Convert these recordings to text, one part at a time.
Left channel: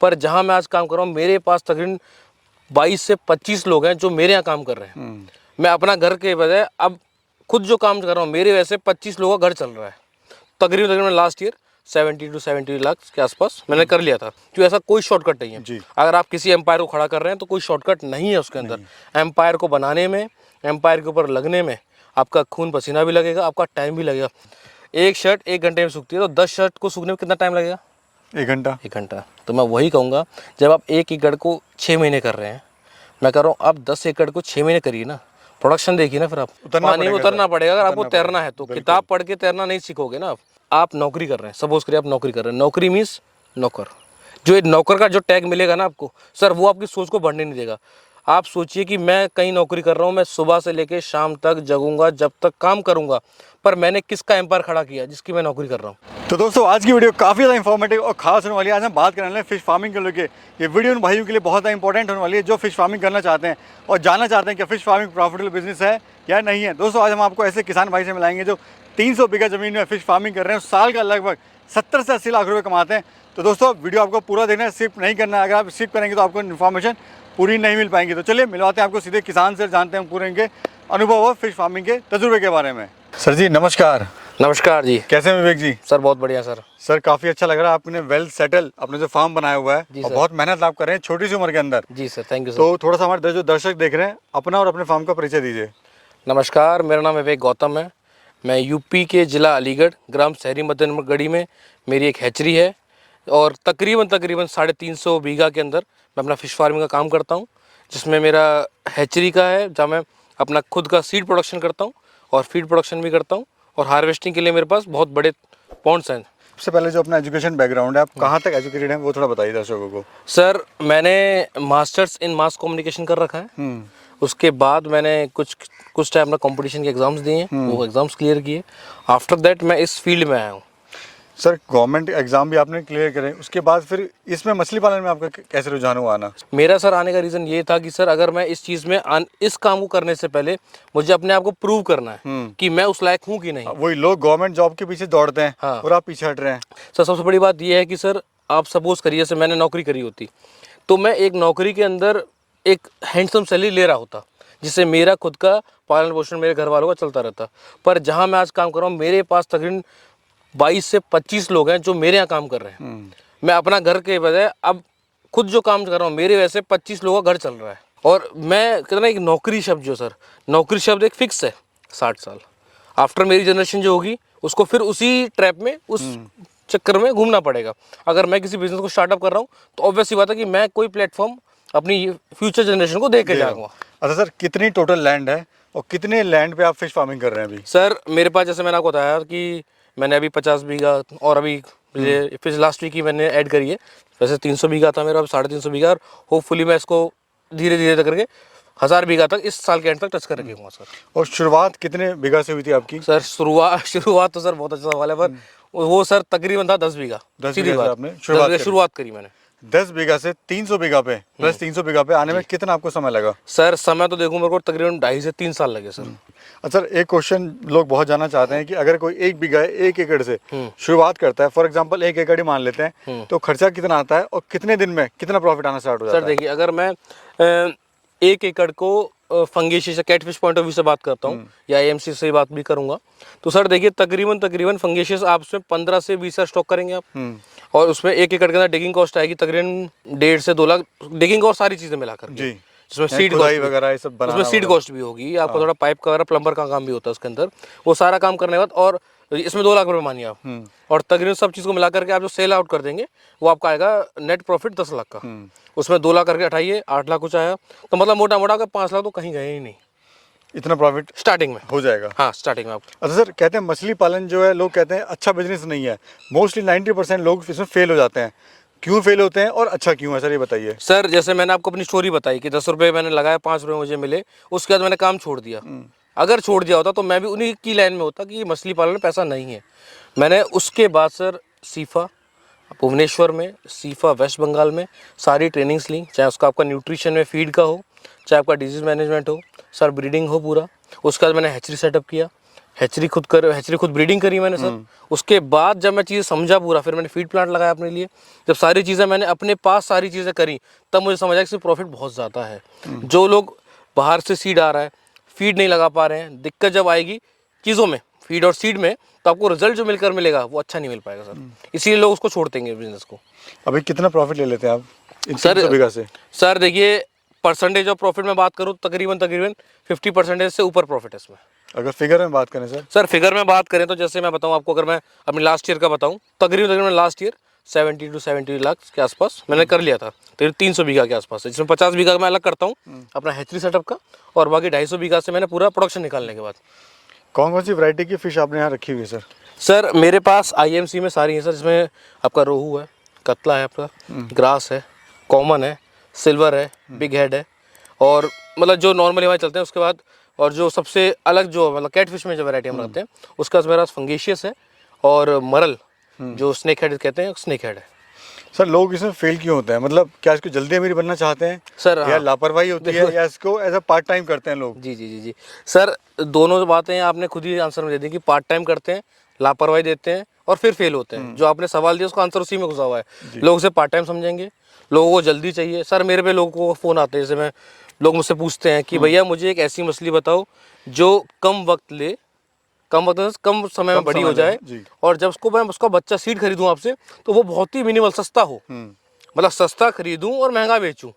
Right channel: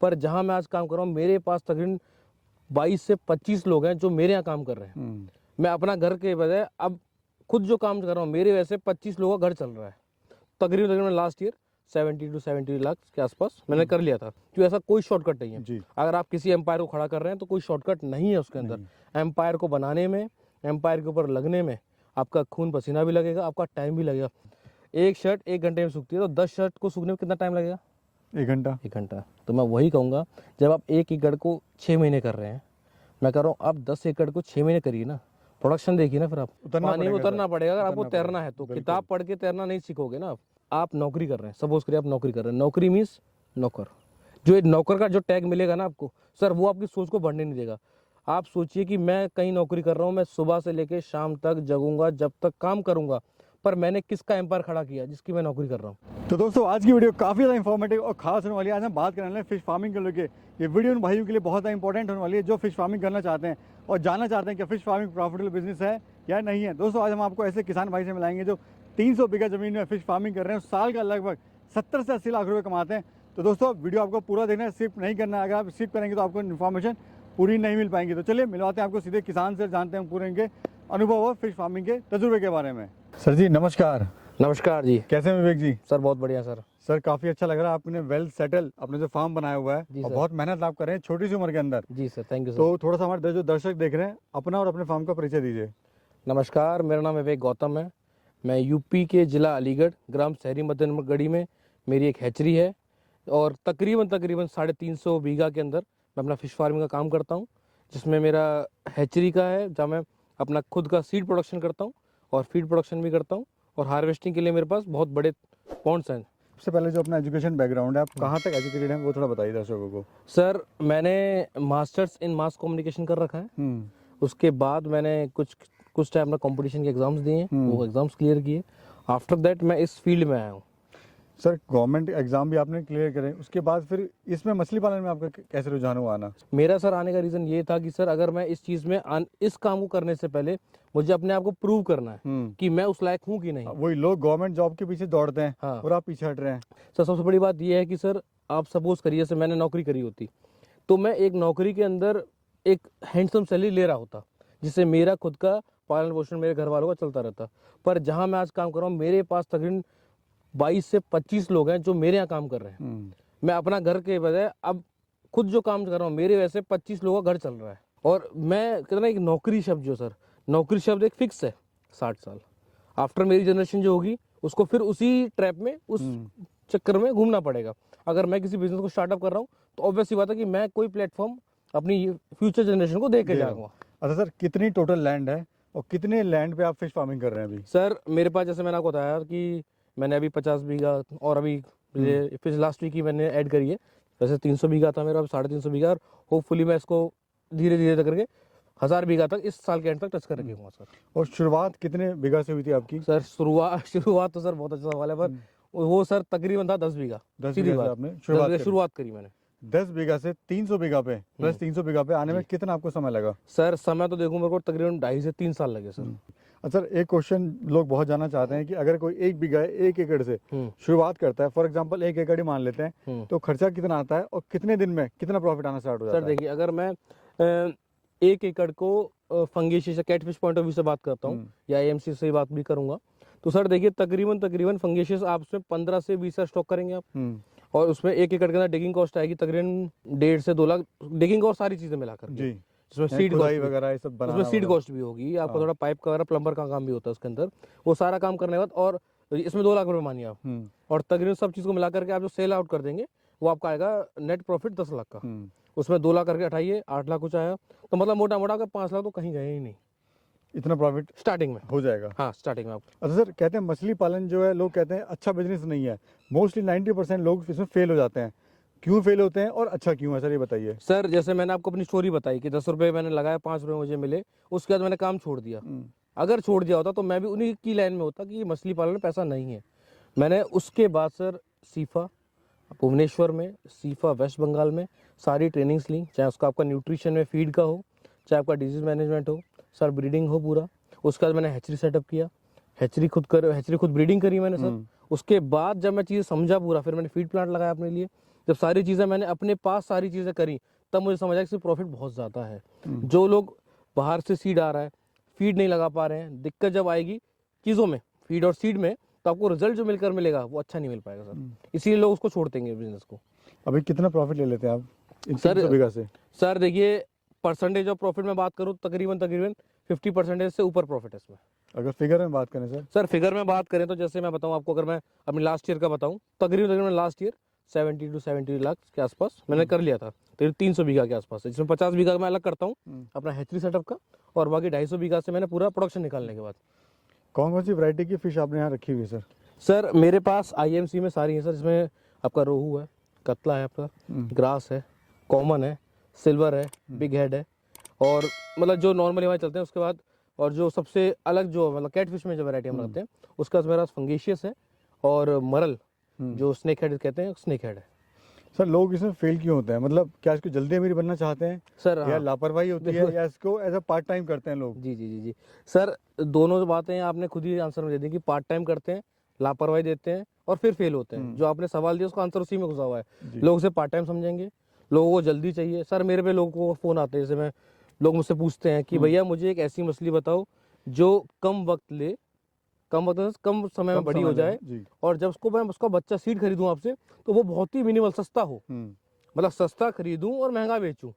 पर जहाँ मैं आज काम कर रहा हूँ मेरे पास तकरीबन 22 से 25 लोग हैं जो मेरे यहाँ काम कर रहे हैं। मैं अपना घर के बजाय अब खुद जो काम कर रहा हूँ मेरे वैसे 25 लोगों का घर चल रहा है। तकरीबन लास्ट ईयर 70 to 70 लाख के आसपास मैंने कर लिया था। क्यों, ऐसा कोई शॉर्टकट नहीं है। अगर आप किसी एम्पायर को खड़ा कर रहे हैं तो कोई शॉर्टकट नहीं है उसके अंदर। एम्पायर को बनाने में, एम्पायर के ऊपर लगने में आपका खून पसीना भी लगेगा, आपका टाइम भी लगेगा। एक शर्ट 1 घंटे में सूखती है तो 10 शर्ट को सूखने में कितना टाइम लगेगा? 1 घंटा। तो मैं वही कहूँगा, जब आप 1 एकड़ को 6 महीने कर रहे हैं, मैं कह रहा हूँ आप 10 एकड़ को 6 महीने करिए ना, प्रोडक्शन देखिए ना। फिर आप पानी में उतरना पड़ेगा। अगर आपको तैरना है तो किताब पढ़ के तैरना नहीं सीखोगे ना। आप नौकरी कर रहे हैं, सपोज करिए आप नौकरी कर रहे हैं, नौकरी मीन्स नौकर। जो एक नौकर का जो टैग मिलेगा ना आपको सर, वो आपकी सोच को बढ़ने नहीं देगा। आप सोचिए कि मैं कहीं नौकरी कर रहा हूँ, मैं सुबह से लेकर शाम तक जगूंगा, जब तक काम करूंगा, पर मैंने किसका एम्पायर खड़ा किया जिसकी मैं नौकरी कर रहा हूँ। तो दोस्तों आज की वीडियो काफ़ी ज़्यादा इंफॉर्मेटिव और खास होने वाली है। आज हम बात करने वाले हैं फिश फार्मिंग को लेकर। ये वीडियो उन भाइयों के लिए बहुत ज़्यादा इंपॉर्टेंट होने वाली है जो फिश फार्मिंग करना चाहते हैं और जानना चाहते हैं कि फिश फार्मिंग प्रॉफिटेबल बिजनेस है या नहीं है। दोस्तों आज हम आपको ऐसे किसान भाई से मिलाएंगे जो 300 बीघा ज़मीन में फिश फार्मिंग कर रहे हैं, साल का लगभग 70 से 80 लाख रुपये कमाते हैं। तो दोस्तों वीडियो आपको पूरा देखना है, स्किप नहीं करना है। अगर आप स्किप करेंगे तो आपको इन्फॉर्मेशन पूरी नहीं मिल पाएंगी। तो चलिए मिलवाते हैं आपको सीधे किसान से, जानते हैं पूरे इनके अनुभव और फिश फार्मिंग के तजुर्बे के बारे में। सर जी नमस्कार। नमस्कार जी। कैसे हैं विवेक जी? सर बहुत बढ़िया सर। सर काफ़ी अच्छा लग रहा है, आपने वेल सेटल अपने जो फार्म बनाया हुआ है और बहुत मेहनत आप कर रहे हैं छोटी सी उम्र के अंदर। जी सर, थैंक यू सर। तो थोड़ा सा हमारे जो दर्शक देख रहे हैं अपना और अपने फार्म का परिचय दीजिए। नमस्कार, मेरा नाम विवेक गौतम है। मैं यूपी के ज़िला अलीगढ़, ग्राम शहरी मदनगढ़ी में मेरी एक हैचरी है और तकरीबन 350 बीघा के अंदर मैं अपना फ़िश फार्मिंग का काम करता हूँ, जिसमें मेरा हैचरी का है जहाँ मैं अपना खुद का सीड प्रोडक्शन करता हूँ और फीड प्रोडक्शन भी करता हूँ और हार्वेस्टिंग के लिए मेरे पास बहुत बड़े पॉन्ड्स हैं। सबसे पहले जो अपना एजुकेशन बैकग्राउंड है, आप कहाँ तक एजुकेटेड हैं वो थोड़ा बताइए दर्शकों को। सर मैंने मास्टर्स इन मास कम्युनिकेशन कर रखा है। उसके बाद मैंने कुछ टाइम अपना कंपटीशन के एग्ज़ाम्स दिए, वो एग्ज़ाम्स क्लियर किए। आफ्टर दैट मैं इस फील्ड में आया हूँ। सर गवर्नमेंट एग्जाम भी आपने क्लियर करे, उसके बाद फिर इसमें मछली पालन में आपका कैसे रुझान हुआ आना? मेरा सर आने का रीज़न ये था कि सर अगर मैं इस चीज़ में इस काम को करने से पहले मुझे अपने आप को प्रूव करना है कि मैं उस लायक हूँ कि नहीं। वही लोग गवर्नमेंट जॉब के पीछे दौड़ते हैं और आप पीछे हट रहे हैं। सर सबसे बड़ी बात यह है कि सर आप सपोज करिए जैसे मैंने नौकरी करी होती तो मैं एक नौकरी के अंदर एक हैंडसम सैलरी ले रहा होता, जिससे मेरा खुद का पालन पोषण मेरे घर वालों का चलता रहता। पर जहाँ मैं आज काम कर रहा हूँ मेरे पास तकरीबन 22 से 25 लोग हैं जो मेरे यहाँ काम कर रहे हैं। मैं अपना घर के बजाय अब खुद जो काम कर रहा हूँ मेरे वैसे 25 लोगों का घर चल रहा है। और मैं कहता ना एक नौकरी शब्द जो सर, नौकरी शब्द एक फिक्स है 60 साल। आफ्टर मेरी जनरेशन जो होगी उसको फिर उसी ट्रैप में, उस चक्कर में घूमना पड़ेगा। अगर मैं किसी बिजनेस को स्टार्टअप कर रहा हूँ तो ऑब्वियस सी बात है कि मैं कोई प्लेटफॉर्म अपनी फ्यूचर जनरेशन को दे के जाऊँगा। अच्छा सर कितनी टोटल लैंड है और कितने लैंड पे आप फिश फार्मिंग कर रहे हैं अभी? सर मेरे पास जैसे मैंने आपको बताया कि मैंने अभी 50 बीघा और अभी फिर लास्ट वीक ही मैंने ऐड करी है। वैसे 300 बीघा था मेरा, अब 350 बीघा और होपफुली मैं इसको धीरे धीरे करके 1000 बीघा तक इस साल के एंड तक टच कर रखूँगा सर। और शुरुआत कितने बीघा से हुई थी आपकी? सर शुरुआत तो सर बहुत अच्छा सवाल है, पर वो सर तकरीबन था 10 बीघा। 10 बीघा से आपने शुरुआत करी मैंने। 10 बीघा से 300 बीघा पे प्लस 300 बीघा पे आने में कितना आपको समय लगा? सर समय तो देखूं मेरे को तकरीबन 2.5 से 3 साल लगे सर। अच्छा एक क्वेश्चन लोग बहुत जानना चाहते हैं कि अगर कोई 1 बीघा 1 एकड़ से शुरुआत करता है, फॉर एग्जांपल 1 एकड़ ही मान लेते हैं, तो खर्चा कितना आता है और कितने दिन में कितना प्रॉफिट आना स्टार्ट हो जाता है? सर देखिए अगर मैं 1 एकड़ को फंगेशियस या कैटफिश पॉइंट ऑफ व्यू से बात करता हूँ या एएमसी से बात भी करूंगा तो सर देखिए तकरीबन फंगेशियस आप उसमें 15 से 20 स्टॉक करेंगे आप, और उसमें 1 एकड़ के अंदर डिगिंग कॉस्ट आएगी तकरीबन 1.5 से 2 लाख डिगिंग और सारी चीजें मिलाकर जी। जिसमें सीड कॉस्ट वगैरह सब बनाना, उसमें सीड कॉस्ट भी होगी, आपको थोड़ा पाइप का वगैरह प्लम्बर का काम भी होता है उसके अंदर, वो सारा काम करने के बाद और इसमें 2 लाख रुपए मानिए आप, और तकरीबन सब चीज़ को मिला करके आप जो सेल आउट कर देंगे वो आपका आएगा नेट प्रॉफिट 10 लाख का। उसमें 2 लाख करके हटाइए 8 लाख कुछ आया, तो मतलब मोटा मोटा 5 लाख तो कहीं गए ही नहीं। इतना प्रॉफिट स्टार्टिंग में हो जाएगा? हाँ स्टार्टिंग में आपको। अच्छा सर कहते हैं मछली पालन जो है लोग कहते हैं अच्छा बिजनेस नहीं है, मोस्टली 90% लोग इसमें फेल हो जाते हैं। क्यों फेल होते हैं और अच्छा क्यों है सर ये बताइए। सर जैसे मैंने आपको अपनी स्टोरी बताई कि 10 रुपये मैंने लगाया, 5 रुपये मुझे मिले, उसके बाद मैंने काम छोड़ दिया। अगर छोड़ दिया होता तो मैं भी उन्हीं की लाइन में होता कि मछली पालन में पैसा नहीं है। मैंने उसके बाद सर सीफा भुवनेश्वर में, सीफा वेस्ट बंगाल में सारी ट्रेनिंग्स ली, चाहे उसका आपका न्यूट्रिशन में फीड का हो, चाहे आपका डिजीज़ मैनेजमेंट हो, सर ब्रीडिंग हो पूरा। उसके बाद मैंने हैचरी सेटअप किया। हैचरी खुद ब्रीडिंग करी मैंने सर। उसके बाद जब मैं चीज़ें समझा पूरा, फिर मैंने फीड प्लांट लगाया अपने लिए। जब सारी चीज़ें मैंने अपने पास सारी चीज़ें करी, तब मुझे समझा कि इसमें प्रॉफिट बहुत ज़्यादा है। जो लोग बाहर से सीड आ रहा है, फीड नहीं लगा पा रहे हैं, दिक्कत जब आएगी चीज़ों में, फीड और सीड में, तो आपको रिजल्ट जो मिलेगा वो अच्छा नहीं मिल पाएगा सर। इसीलिए लोग उसको छोड़ देंगे बिजनेस को। अभी कितना प्रॉफिट ले लेते हैं आप इन सर 300 बीघा से? सर देखिए, परसेंटेज ऑफ प्रॉफिट में बात करूँ, तकरीबन 50% से ऊपर प्रॉफिट है इसमें। अगर फिगर में बात करें सर फिगर में बात करें तो जैसे मैं बताऊं आपको, अगर मैं अपनी लास्ट ईयर का बताऊं, तकरीबन लास्ट ईयर 70 to 70 लाख के आसपास मैंने कर लिया था। तो 300 बीघा के आसपास है, जिसमें 50 बीघा मैं अलग करता हूँ अपना हैचरी सेटअप का, और बाकी 250 बीघा से मैंने पूरा प्रोडक्शन निकालने के बाद। कौन कौन सी वैरायटी की फ़िश आपने यहाँ रखी हुई है सर? सर मेरे पास IMC में सारी हैं सर, जिसमें आपका रोहू है, कतला है, आपका ग्रास है, कॉमन है, सिल्वर है, बिग हेड है, और मतलब जो नॉर्मली हमारे चलते हैं। उसके बाद और जो सबसे अलग जो मतलब कैटफिश में जो वैरायटी हम रखते हैं, उसका मेरे पास फंगेशियस है, और मरल जो स्नेक हेड कहते हैं, स्नेक हेड है। सर लोग इसमें फेल क्यों होते हैं? मतलब क्या इसको जल्दी अमीर बनना चाहते हैं सर या हाँ, लापरवाही होती है, या इसको एज अ पार्ट टाइम करते हैं लोग? जी सर, दोनों बातें आपने खुद ही आंसर में दे दी कि पार्ट टाइम करते हैं, लापरवाही देते हैं, और फिर फेल होते हैं। जो आपने सवाल दिया उसका आंसर उसी में घुसा हुआ है। लोग उसे पार्ट टाइम समझेंगे, लोगों को जल्दी चाहिए। सर मेरे पे लोगों को फ़ोन आते हैं, जैसे लोग मुझसे पूछते हैं कि भैया मुझे एक ऐसी मछली बताओ जो कम वक्त ले, कम समय में बड़ी हो जाए, और जब मैं उसका बच्चा सीड खरीदूं आपसे, तो वो बहुत ही मिनिमल सस्ता हो, मतलब सस्ता खरीदूं और महंगा बेचूं।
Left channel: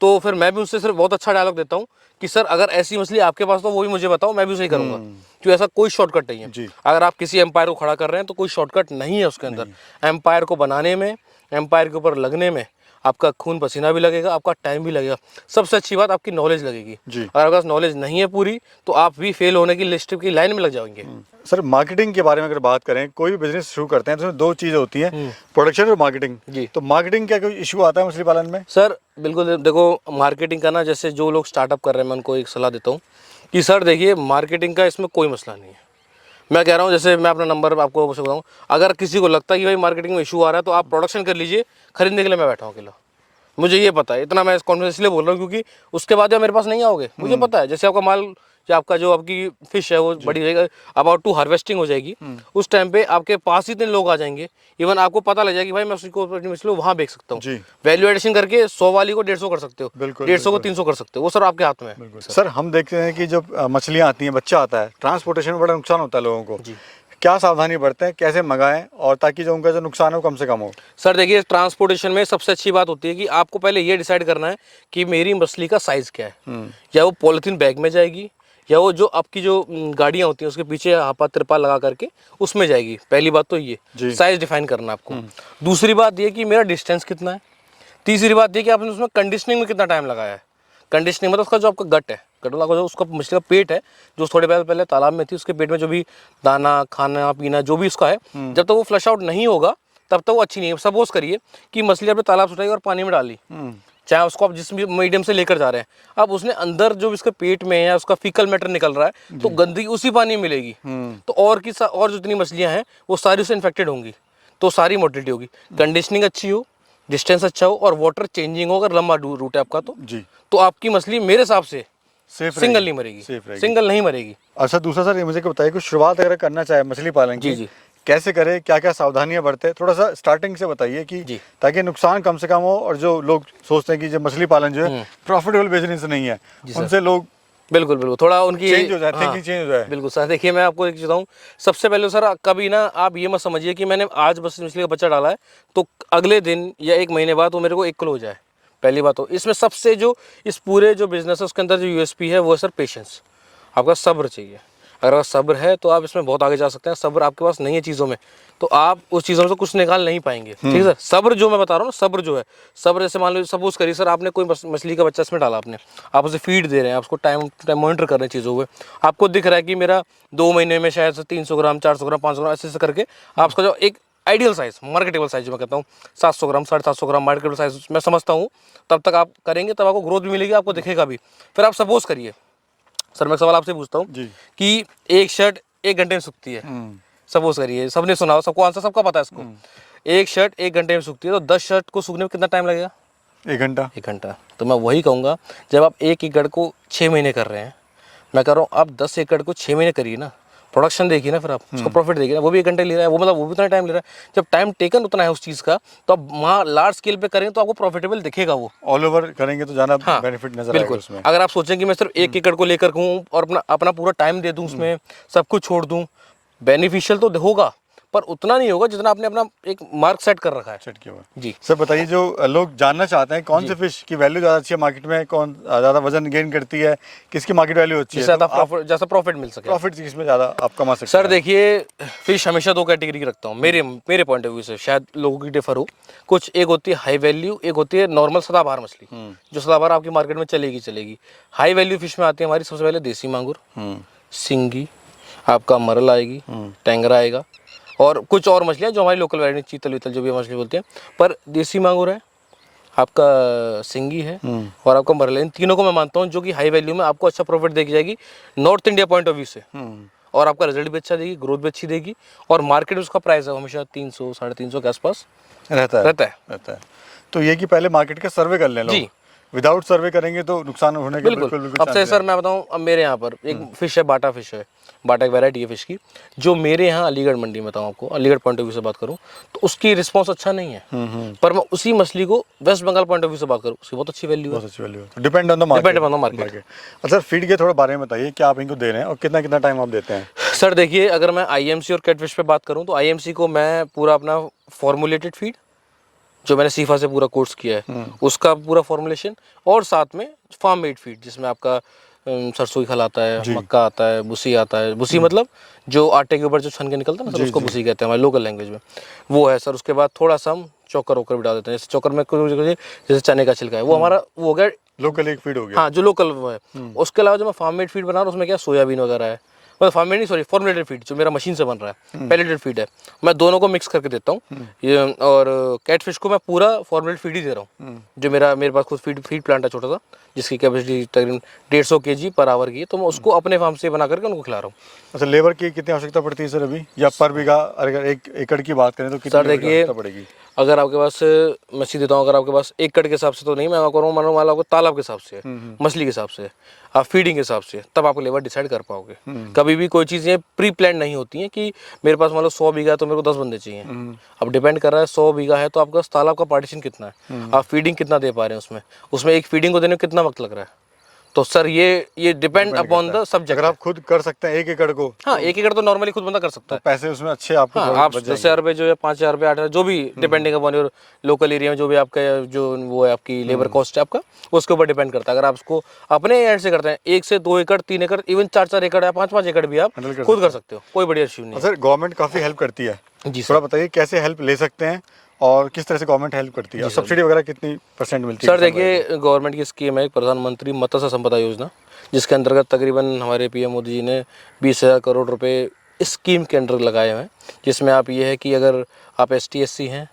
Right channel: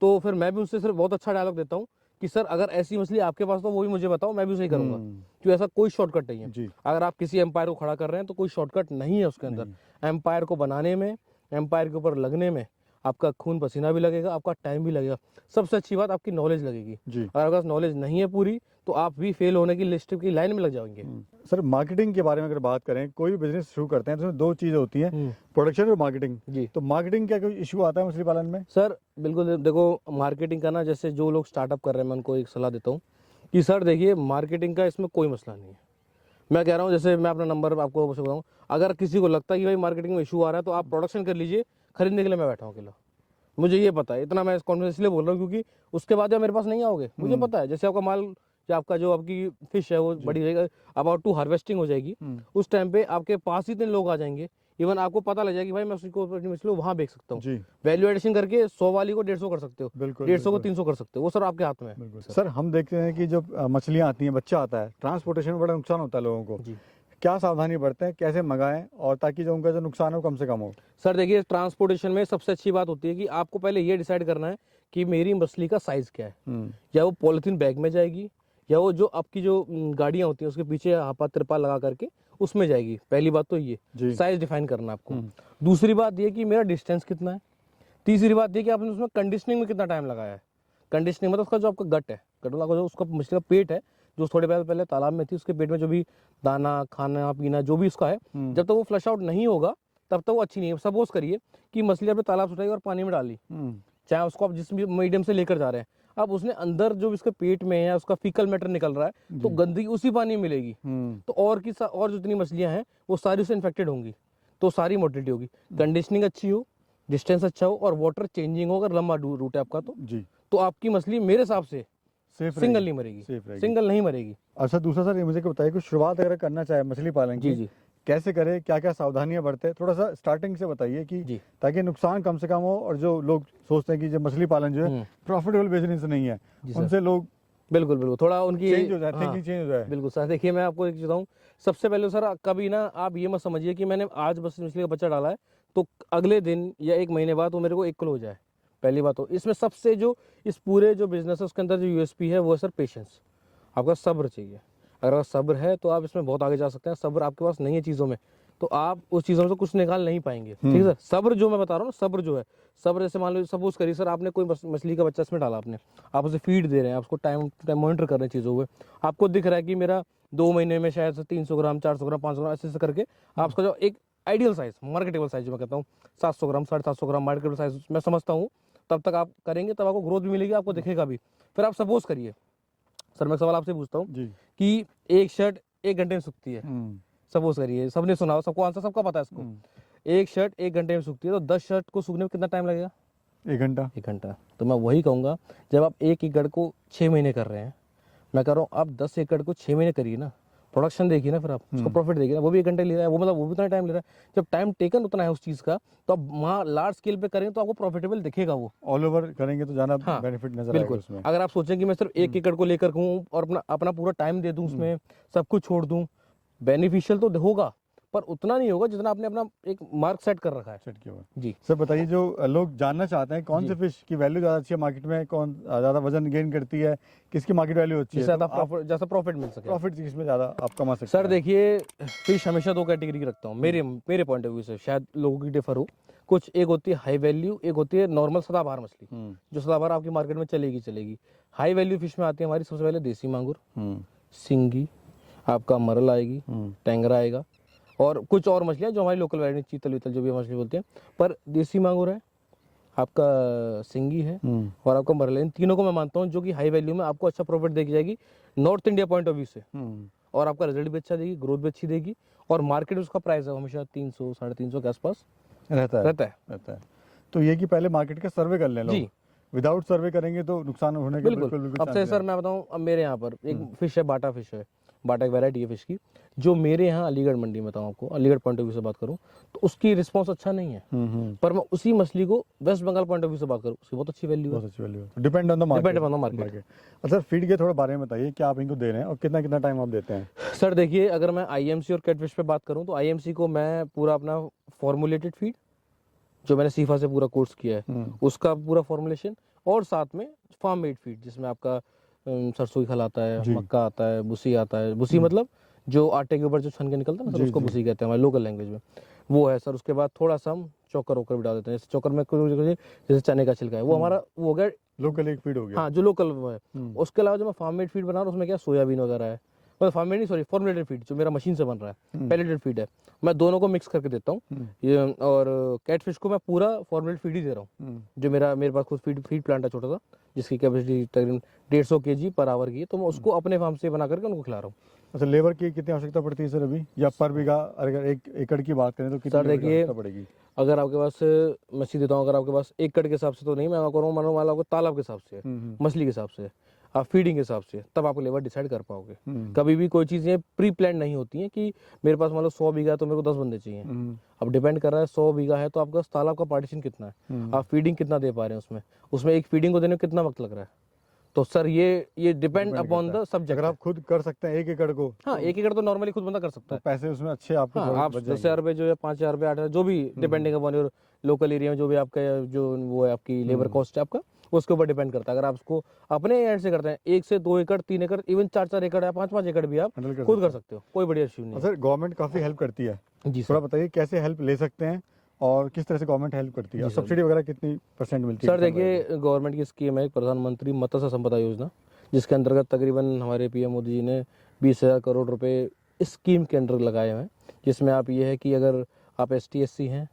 तो फिर मैं भी उससे सिर्फ बहुत अच्छा डायलॉग देता हूँ कि सर अगर ऐसी मछली आपके पास तो वो भी मुझे बताओ, मैं भी उसे ही करूंगा। क्योंकि ऐसा कोई शॉर्टकट नहीं है। अगर आप किसी एम्पायर को खड़ा कर रहे हैं तो कोई शॉर्टकट नहीं है उसके अंदर। एम्पायर को बनाने में, एम्पायर के ऊपर लगने में आपका खून पसीना भी लगेगा, आपका टाइम भी लगेगा। सबसे अच्छी बात आपकी नॉलेज लगेगी। अगर आपके पास नॉलेज नहीं है पूरी, तो आप भी फेल होने की लिस्ट की लाइन में लग जाएंगे। सर मार्केटिंग के बारे में अगर बात करें, कोई भी बिजनेस शुरू करते हैं तो उसमें दो चीज़ें होती हैं, प्रोडक्शन और मार्केटिंग। तो मार्केटिंग क्या कोई इशू आता है मछली पालन में? सर बिल्कुल, देखो मार्केटिंग का ना, जैसे जो लोग स्टार्टअप कर रहे हैं, मैं उनको एक सलाह देता हूँ कि सर देखिए, मार्केटिंग का इसमें कोई मसला नहीं है। मैं कह रहा हूँ, जैसे मैं अपना नंबर आपको बताऊँ, अगर किसी को लगता है कि भाई मार्केटिंग में इशू आ रहा है, तो आप प्रोडक्शन कर लीजिए, खरीदने के लिए मैं बैठा हूँ अकेला। मुझे ये पता है, इतना मैं इस कॉन्फिडेंस इसलिए बोल रहा हूँ क्योंकि उसके बाद जब मेरे पास नहीं आओगे, मुझे पता है जैसे आपका माल, जो आपका जो आपकी फिश है वो बड़ी रहेगा, अबाउट टू हार्वेस्टिंग हो जाएगी, उस टाइम पे आपके पास ही इतने लोग आ जाएंगे, इवन आपको पता लग जाएगा कि भाई मैं उसको अपनी मछली वहाँ बेच सकता हूँ। वैल्यू एडिशन करके 100 वाली को 150 कर सकते हो, 150 को 300 कर सकते हो, वो सर आपके हाथ में है। सर हम देखते हैं कि जब मछलियाँ आती हैं, बच्चा आता है, ट्रांसपोर्टेशन में बड़ा नुकसान होता है लोगों को। क्या सावधानी बरतें, कैसे मंगाएं, और ताकि जो उनका जो नुकसान है वो कम से कम हो? सर देखिए, ट्रांसपोर्टेशन में सबसे अच्छी बात होती है कि आपको पहले ये डिसाइड करना है कि मेरी मछली का साइज़ क्या है। या वो पॉलीथीन बैग में जाएगी, या वो जो आपकी जो गाड़ियाँ होती हैं उसके पीछे हापा तिरपाल लगा करके उसमें जाएगी। पहली बात तो ये साइज़ डिफाइन करना आपको। दूसरी बात ये कि मेरा डिस्टेंस कितना है। तीसरी बात ये कि आपने उसमें कंडीशनिंग में कितना टाइम लगाया है। कंडीशनिंग मतलब उसका जो आपका गट है, गटोला का जो उसका मछली का पेट है, जो थोड़े पहले तालाब में थी, उसके पेट में जो भी दाना खाना पीना जो भी उसका है, जब तक वो फ्लश आउट नहीं होगा तब तक वो अच्छी नहीं है। सपोज करिए कि मछली आपने तालाब से उठाई और पानी में डाली, चाहे उसको आप जिस भी मीडियम से लेकर जा रहे हैं, अब उसने अंदर जो इसके पेट में है उसका फीकल मैटर निकल रहा है, तो गंदगी उसी पानी में मिलेगी। तो और जो जितनी मछलियाँ हैं वो सारी उससे इन्फेक्टेड होंगी, तो सारी मोर्टिलिटी होगी। कंडीशनिंग अच्छी हो, डिस्टेंस अच्छा हो, और वाटर चेंजिंग हो, अगर लंबा रूट है आपका तो आपकी मछली मेरे हिसाब से सिंगल नहीं मरेगी, सिंगल नहीं मरेगी। अच्छा, दूसरा सर ये मुझे बताइए कि शुरुआत अगर करना चाहे मछली पालन की, कैसे करे, क्या क्या सावधानियां बरते, थोड़ा सा स्टार्टिंग से बताइए कि ताकि नुकसान कम से कम हो, और जो लोग सोचते हैं कि जो मछली पालन जो है प्रॉफिटेबल बिजनेस नहीं है, उनसे लोग बिल्कुल थोड़ा उनकी चेंज हो जाए, थिंकिंग चेंज हो जाए। बिल्कुल सर, देखिए मैं आपको एक बताऊँ, सबसे पहले सर कभी ना आप ये मत समझिए कि मैंने आज बस मछली का बच्चा डाला है तो अगले दिन या 1 महीने बाद वो मेरे को 1 किलो हो जाए। पहली बात तो इसमें सबसे जो इस पूरे जो बिजनेस है उसके अंदर जो USP है वो है सर पेशेंस। आपका सब्र चाहिए। अगर सब्र है तो आप इसमें बहुत आगे जा सकते हैं। सब्र आपके पास नहीं है चीज़ों में, तो आप उस चीज़ों से कुछ निकाल नहीं पाएंगे। ठीक है सर, सब्र जो मैं बता रहा हूँ ना, सब्र जो है, सब्र जैसे मान लो सपोज करिए सर आपने कोई मछली का बच्चा इसमें डाला, आपने आप उसे फीड दे रहे हैं, आप उसको टाइम मॉनिटर कर रहे हैं चीज़ों को, आपको दिख रहा है कि मेरा 2 महीने में शायद 300 ग्राम 400 ग्राम 500 ग्राम ऐसे करके आपका जो एक आइडियल साइज़, मार्केटेबल साइज़ जो मैं कहता हूँ 700 ग्राम 750 ग्राम मार्केटेबल साइज़ मैं समझता हूँ, तब तक आप करेंगे, तब आपको ग्रोथ भी मिलेगी, आपको दिखेगा भी। फिर आप सपोज करिए सर, मैं सवाल आपसे पूछता हूँ कि एक शर्ट 1 घंटे में सूखती है, सपोज करिए, सबने सुना हो, सबको आंसर सबका पता है इसको, एक शर्ट 1 घंटे में सूखती है, तो 10 शर्ट को सूखने में कितना टाइम लगेगा? 1 घंटा। 1 घंटा। तो मैं वही कहूँगा, जब आप 1 एकड़ को 6 महीने कर रहे हैं, मैं कह रहा हूँ आप 10 एकड़ को 6 महीने करिए ना, प्रोडक्शन देखिए ना, फिर आप उसको प्रॉफिट देखिए ना, वो भी 1 घंटे ले रहा है, वो मतलब वो भी उतना टाइम ले रहा है। जब टाइम टेकन उतना है उस चीज़ का, तो आप वहाँ लार्ज स्केल पे करेंगे तो आपको प्रॉफिटेबल दिखेगा वो। ऑल ओवर करेंगे तो ज़्यादा हाँ, बेनिफिट नजर आएगा बिल्कुल। उसमें। अगर आप सोचें कि मैं सिर्फ 1 एकड़ को लेकर कहूँ और अपना अपना पूरा टाइम दे दूँ उसमें, सब कुछ छोड़ दूँ, बेनिफिशियल तो होगा, पर उतना नहीं होगा जितना आपने अपना एक मार्क सेट कर रखा है। सेट किया हुआ है। जी। सर बताइए, जो लोग जानना चाहते हैं कौन से फिश की वैल्यू ज़्यादा अच्छी है मार्केट में, कौन ज़्यादा वजन गेन करती है, किसकी मार्केट वैल्यू अच्छी है, जिससे तो जैसा प्रॉफिट मिल सके। प्रॉफिट किसमें ज़्यादा आप कमा सकते सर हैं? देखिए, फिश हमेशा 2 कैटेगरी की रखता हूँ मेरे मेरे पॉइंट ऑफ व्यू से, शायद लोगों की डिफर हो। कुछ एक होती है हाई वैल्यू, एक होती है नॉर्मल सदाबहार मछली, जो सदाबहार आपकी मार्केट में चलेगी। हाई वैल्यू फिश में आती है हमारी सबसे पहले देसी मांगुर, सिंगी, आपका मरल आएगी, टेंगरा आएगा, और कुछ और मछलियाँ जो हमारी लोकल वैरायटी, चीतल वीतल जो भी मछली बोलते हैं। पर देसी मांगुर है, आपका सिंगी है, और आपका मरल है। इन तीनों को मैं मानता हूँ जो कि हाई वैल्यू में आपको अच्छा प्रॉफिट देगी जाएगी north India point of view से, और आपका रिजल्ट भी अच्छा देगी, ग्रोथ भी अच्छी देगी, और मार्केट में उसका प्राइस है हमेशा 300 350 के आसपास रहता है। तो ये कि पहले मार्केट का सर्वे कर लें लोग। जी। विदाउट सर्वे करेंगे तो नुकसान होने के बिल्कुल। बिल्कुल अब से सर मैं बताऊं, अब मेरे यहाँ पर एक फिश है, बाटा फिश है, बाटा एक वैरायटी है फिश की, जो मेरे यहाँ अलीगढ़ मंडी में, बताऊँ आपको, अलीगढ़ पॉइंट ऑफ व्यू से बात करूँ तो उसकी रिस्पॉन्स अच्छा नहीं है। पर मैं उसी मछली को West Bengal point of view से बात करूँ, उसकी बहुत अच्छी वैल्यू है। बहुत अच्छी वैल्यू है। Depend on the market. Depend on the market. अच्छा, फीड के थोड़ा बारे में बताइए, क्या आप इनको दे रहे हैं और कितना कितना टाइम आप देते हैं? सर देखिए, अगर मैं आईएमसी और कैटफिश पे बात करूँ तो आईएमसी को मैं पूरा अपना फॉर्मुलेटेड फीड, जो मैंने सीफा से पूरा कोर्स किया है, उसका पूरा फॉर्मुलेशन, और साथ में फार्म मेड फीड जिसमें आपका सरसों की खल आता है, मक्का आता है, भूसी आता है। भूसी मतलब जो आटे के ऊपर जो छन के निकलता है ना सर, उसको भूसी कहते हैं हमारे लोकल लैंग्वेज में, वो है सर। उसके बाद थोड़ा सा हम चोकर वोकर भी डाल देते हैं, जैसे चोकर में जैसे चने का छिलका है, वो हमारा वो हो गया लोकल एक फीड हो गया। हाँ, जो लोकल वो है। उसके अलावा जो मैं फार्म मेड फीड बना रहा हूँ उसमें क्या सोयाबीन वगैरह है, मतलब फार्म मेड नहीं, सॉरी, फॉर्मुलेटेड फीड जो मेरा मशीन से बन रहा है, पैलेटेड फीड है, मैं दोनों को मिक्स करके देता हूँ। ये और कैटफिश को मैं पूरा फॉर्मुलेटेड फीड ही दे रहा हूँ, जो मेरे पास खुद फीड प्लांट है छोटा सा, जिसकी कैपेसिटी तकरीबन 150 kg पर आवर की है, तो मैं उसको अपने फार्म से बना करके उनको खिला रहा हूँ। अच्छा, लेबर की कितनी आवश्यकता पड़ती है सर अभी, या पर बीघा अगर 1 एकड़ की बात करें तो कितनी सर देखिए, आवश्यकता पड़ेगी? अगर आपके पास, मैं सीधे देता हूँ, अगर आपके पास 1 एकड़ के हिसाब से तो नहीं, मैं करूँ मानो मान लो आपको तालाब के हिसाब से है, मछली के हिसाब से है, आप फीडिंग के हिसाब से, तब आपको लेबर डिसाइड कर पाओगे। कभी भी कोई चीज़ें प्री प्लान नहीं होती हैं कि मेरे पास मान लो 100 बीघा है तो मेरे को 10 बंदे चाहिए। अब डिपेंड कर रहा है 100 बीघा है तो आपका तालाब का पार्टीशन कितना है, आप फीडिंग कितना दे पा रहे हैं उसमें एक फीडिंग को देने में कितना वक्त लग रहा है। तो सर ये डिपेंड अपॉन द सब्जेक्ट। अगर आप खुद कर सकते हैं 1 एकड़ को, हाँ, 1 एकड़ तो नॉर्मली खुद बंदा कर सकता है। पैसे उसमें अच्छे आपको हाँ, आप 10,000 रुपये जो है, 5,000 रुपये, 8,000, जो भी depending upon your local area में जो भी आपका जो वो है, आपकी लेबर कॉस्ट है आपका, उसके ऊपर डिपेंड करता है। अगर आप उसको अपने एंड से करते हैं 1 से 2 एकड़, 3 एकड़, इवन 4-4 एकड़ या 5-5 एकड़ भी आप खुद कर सकते हो, कोई बढ़िया इश्यू नहीं है। सर गवर्नमेंट काफ़ी हेल्प करती है जी थोड़ा सर। बताइए कैसे हेल्प ले सकते हैं और किस तरह से गवर्नमेंट हेल्प करती है, और सब्सिडी वगैरह कितनी % मिलती है? सर देखिए, गवर्नमेंट की स्कीम है प्रधानमंत्री मत्स्य संपदा योजना, जिसके अंतर्गत तकरीबन हमारे पीएम मोदी जी ने 20,000 करोड़ रुपए इस स्कीम के अंडर लगाए हुए हैं, जिसमें आप ये है कि अगर आप ST SC हैं,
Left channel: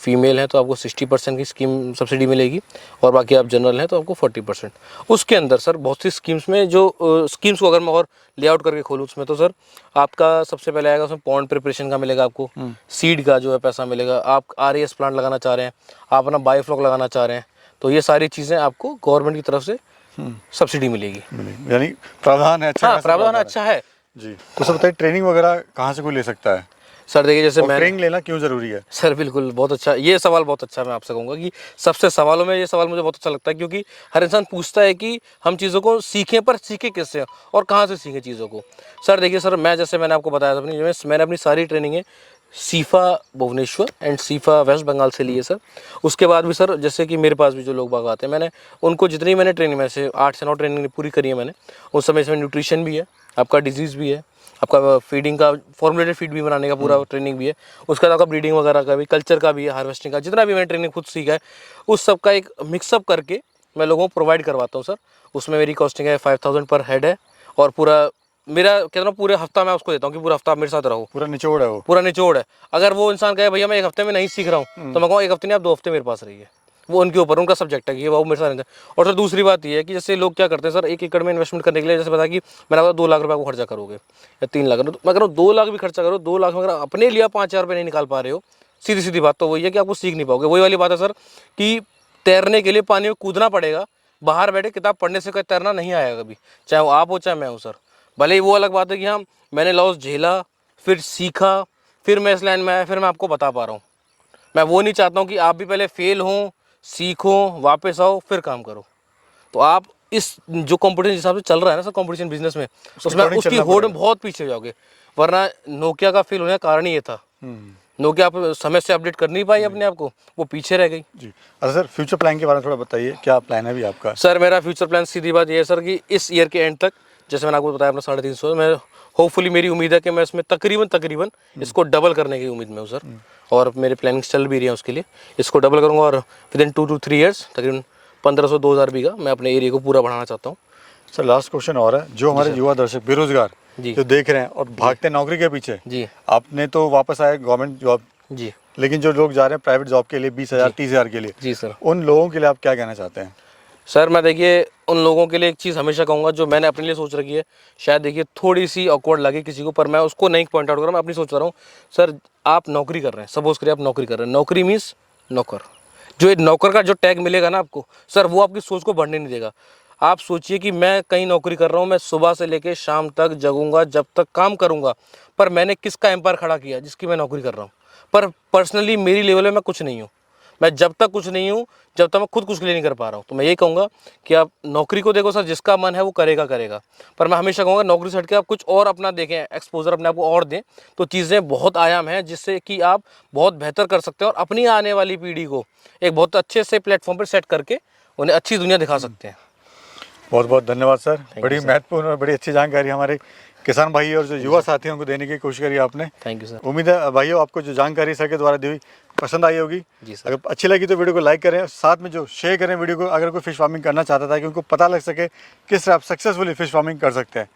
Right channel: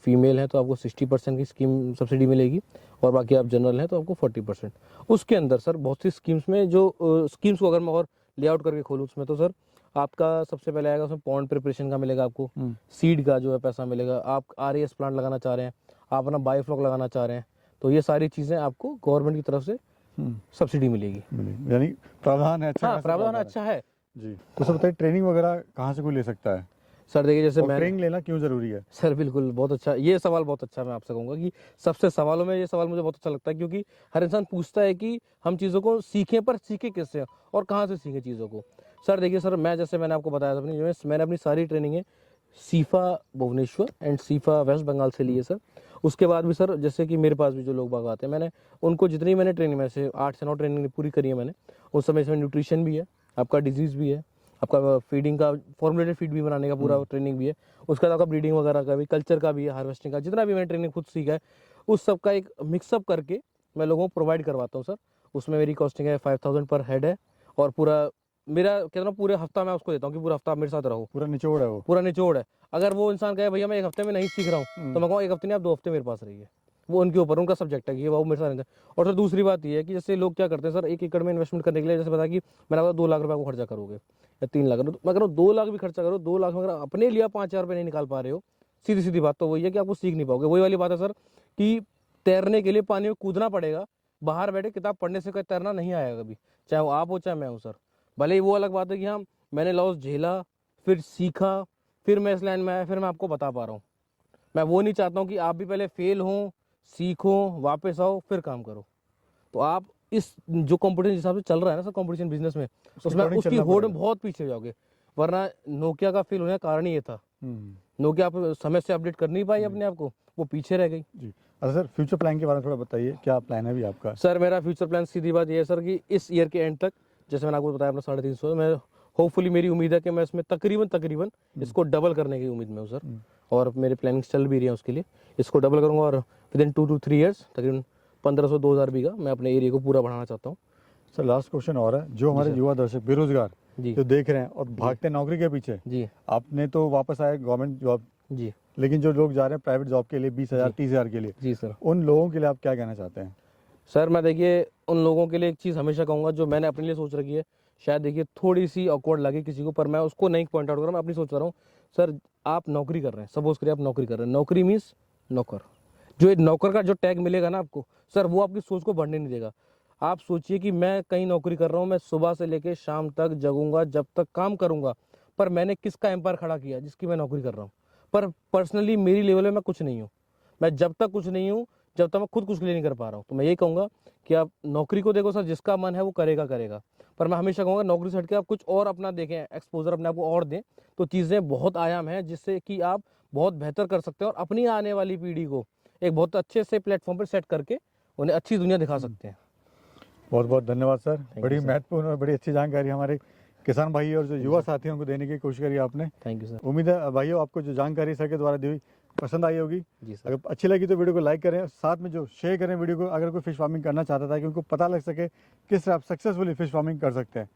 फीमेल हैं, तो आपको 60% की स्कीम सब्सिडी मिलेगी, और बाकी आप जनरल हैं तो आपको 40%। उसके अंदर सर बहुत सी स्कीम्स में, जो स्कीम्स को अगर मैं और लेआउट करके खोलूँ उसमें, तो सर आपका सबसे पहले आएगा उसमें पॉन्ड प्रिपरेशन का मिलेगा आपको, सीड का जो है पैसा मिलेगा, आप RAS प्लांट लगाना चाह रहे हैं, आप अपना बायोफ्लॉक लगाना चाह रहे हैं, तो ये सारी चीज़ें आपको गवर्नमेंट की तरफ से सब्सिडी मिलेगी। यानी प्रावधान है अच्छा? हाँ, प्रावधान अच्छा है जी। तो सर बताइए, ट्रेनिंग वगैरह कहाँ से कोई ले सकता है? सर देखिए, जैसे मैं ट्रेनिंग लेना क्यों ज़रूरी है? सर बिल्कुल, बहुत अच्छा, ये सवाल बहुत अच्छा, मैं आपसे कहूँगा कि सबसे सवालों में ये सवाल मुझे बहुत अच्छा लगता है, क्योंकि हर इंसान पूछता है कि हम चीज़ों को सीखें, पर सीखें किससे और कहाँ से सीखें चीज़ों को। सर देखिए सर, जैसे मैंने आपको बताया था मैंने अपनी सारी ट्रेनिंगें सीफा भुवनेश्वर एंड सीफा वेस्ट बंगाल से लिए सर। उसके बाद भी सर, जैसे कि मेरे पास भी जो लोग बाग आते हैं, मैंने उनको जितनी मैंने ट्रेनिंग में से 8 से 9 ट्रेनिंग पूरी करी है मैंने। उस समय इसमें न्यूट्रिशन भी है, आपका डिजीज़ भी है, आपका फीडिंग का फॉर्मुलेटेड फीड भी बनाने का पूरा ट्रेनिंग भी है, उसके बाद आपका ब्रीडिंग वगैरह का भी, कल्चर का भी है, हार्वेस्टिंग का, जितना भी मैंने ट्रेनिंग खुद सीखा है उस सब का एक मिक्सअप करके मैं लोगों को प्रोवाइड करवाता हूँ सर। उसमें मेरी कॉस्टिंग है 5,000 पर हेड है, और पूरा मेरा कहता हूँ पूरे हफ्ता मैं उसको देता हूँ कि पूरा हफ्ता आप मेरे साथ रहो, पूरा निचोड़ है वो? पूरा निचोड़ है। अगर वो इंसान कहे भैया मैं 1 हफ्ते में नहीं सीख रहा हूँ, तो मैं कहूँ 1 हफ्ते नहीं, आप 2 हफ्ते मेरे पास रहिए, वो उनके ऊपर, उनका सब्जेक्ट है कि वो मेरे साथ रहते हैं। और सर दूसरी बात ये है कि जैसे लोग क्या करते हैं सर, 1 एकड़ में इन्वेस्टमेंट करने के लिए, जैसे बताया कि मैंने आपको 2 लाख रुपये को खर्चा करोगे या 3 लाख, तो मैं कह रहा हूँ 2 लाख भी खर्चा करो, 2 लाख में अगर अपने लिए 5,000 रुपये नहीं निकाल पा रहे हो, सीधी सीधी बात तो वही है कि आपको सीख नहीं पाओगे। वही वाली बात है सर कि तैरने के लिए पानी में कूदना पड़ेगा, बाहर बैठे किताब पढ़ने से कोई तैरना नहीं आएगा कभी, चाहे वो आप हो चाहे मैं हूँ सर। भले ही वो अलग बात है कि हाँ मैंने लॉस झेला, फिर सीखा, फिर मैं इस लाइन में आया, फिर मैं आपको बता पा रहा हूँ। मैं वो नहीं चाहता हूँ कि आप भी पहले फेल हों, सीखो, वापस आओ, फिर काम करो। तो आप इस जो कंपटीशन हिसाब से चल रहा है ना सर कंपटीशन बिजनेस में, उसमें according उसकी चलना होड़ में पड़ेगा। बहुत पीछे हो जाओगे। वरना नोकिया का फेल होने का कारण ही ये था। नोकिया आप समय से अपडेट कर नहीं पाई अपने आप को, वो पीछे रह गई। जी। अच्छा सर, फ्यूचर प्लान के बारे में थोड़ा बताइए, क्या प्लान है अभी आपका? सर मेरा फ्यूचर प्लान सीधी बात ये है सर कि इस ईयर के एंड तक, जैसे मैंने आपको बताया अपना 350, मैं होपफुली मेरी उम्मीद है कि मैं इसमें तकरीबन इसको डबल करने की उम्मीद में हूँ सर। और मेरे प्लानिंग्स चल भी रही हैं उसके लिए, इसको डबल करूँगा और विद इन 2 to 3 ईयर्स तकरीबन 1500-2000 बीघा मैं अपने एरिया को पूरा बढ़ाना चाहता हूँ। सर लास्ट क्वेश्चन और है, जो हमारे युवा दर्शक बेरोजगार जी। जो देख रहे हैं और भागते हैं नौकरी के पीछे, जी आपने तो वापस आए गवर्नमेंट जॉब, जी लेकिन जो लोग जा रहे हैं प्राइवेट जॉब के लिए 20,000 30,000 के लिए, जी सर। उन लोगों के लिए आप क्या कहना चाहते हैं? सर मैं देखिए उन लोगों के लिए एक चीज़ हमेशा कहूँगा जो मैंने अपने लिए सोच रखी है, शायद देखिए थोड़ी सी ऑकवर्ड लगे किसी को, पर मैं उसको नहीं पॉइंट आउट कर रहा, मैं अपनी सोच रहा हूँ। सर आप नौकरी कर रहे हैं, सपोज करिए आप नौकरी कर रहे हैं, नौकरी मीन्स नौकर, जो एक नौकर का जो टैग मिलेगा ना आपको सर, वो आपकी सोच को बढ़ने नहीं देगा। आप सोचिए कि मैं कहीं नौकरी कर रहा हूँ, मैं सुबह से लेकर शाम तक जगूंगा, जब तक काम करूँगा, पर मैंने किसका एम्पायर खड़ा किया जिसकी मैं नौकरी कर रहा हूँ। पर पर्सनली मेरी लेवल में मैं कुछ नहीं हूँ। मैं जब तक कुछ नहीं हूँ, जब तक मैं खुद कुछ के लिए नहीं कर पा रहा हूँ, तो मैं यही कहूँगा कि आप नौकरी को देखो सर, जिसका मन है वो करेगा। पर मैं हमेशा कहूँगा नौकरी से हट के आप कुछ और अपना देखें, एक्सपोजर अपने आप को और दें, तो चीज़ें बहुत आयाम हैं जिससे कि आप बहुत बेहतर कर सकते हैं और अपनी आने वाली पीढ़ी को एक बहुत अच्छे से प्लेटफॉर्म पर सेट करके उन्हें अच्छी दुनिया दिखा सकते हैं। बहुत बहुत धन्यवाद सर, बड़ी महत्वपूर्ण और बड़ी अच्छी जानकारी हमारे किसान भाई और जो युवा साथियों को देने की कोशिश करी आपने। Thank you sir. उम्मीद है भाइयों आपको जो जानकारी सर के द्वारा दी हुई पसंद आई होगी। जी सर। अगर अच्छी लगी तो वीडियो को लाइक करें, साथ में जो शेयर करें वीडियो को, अगर कोई फिश फार्मिंग करना चाहता था कि उनको पता लग सके किस तरह आप सक्सेसफुली फिश फार्मिंग कर सकते हैं।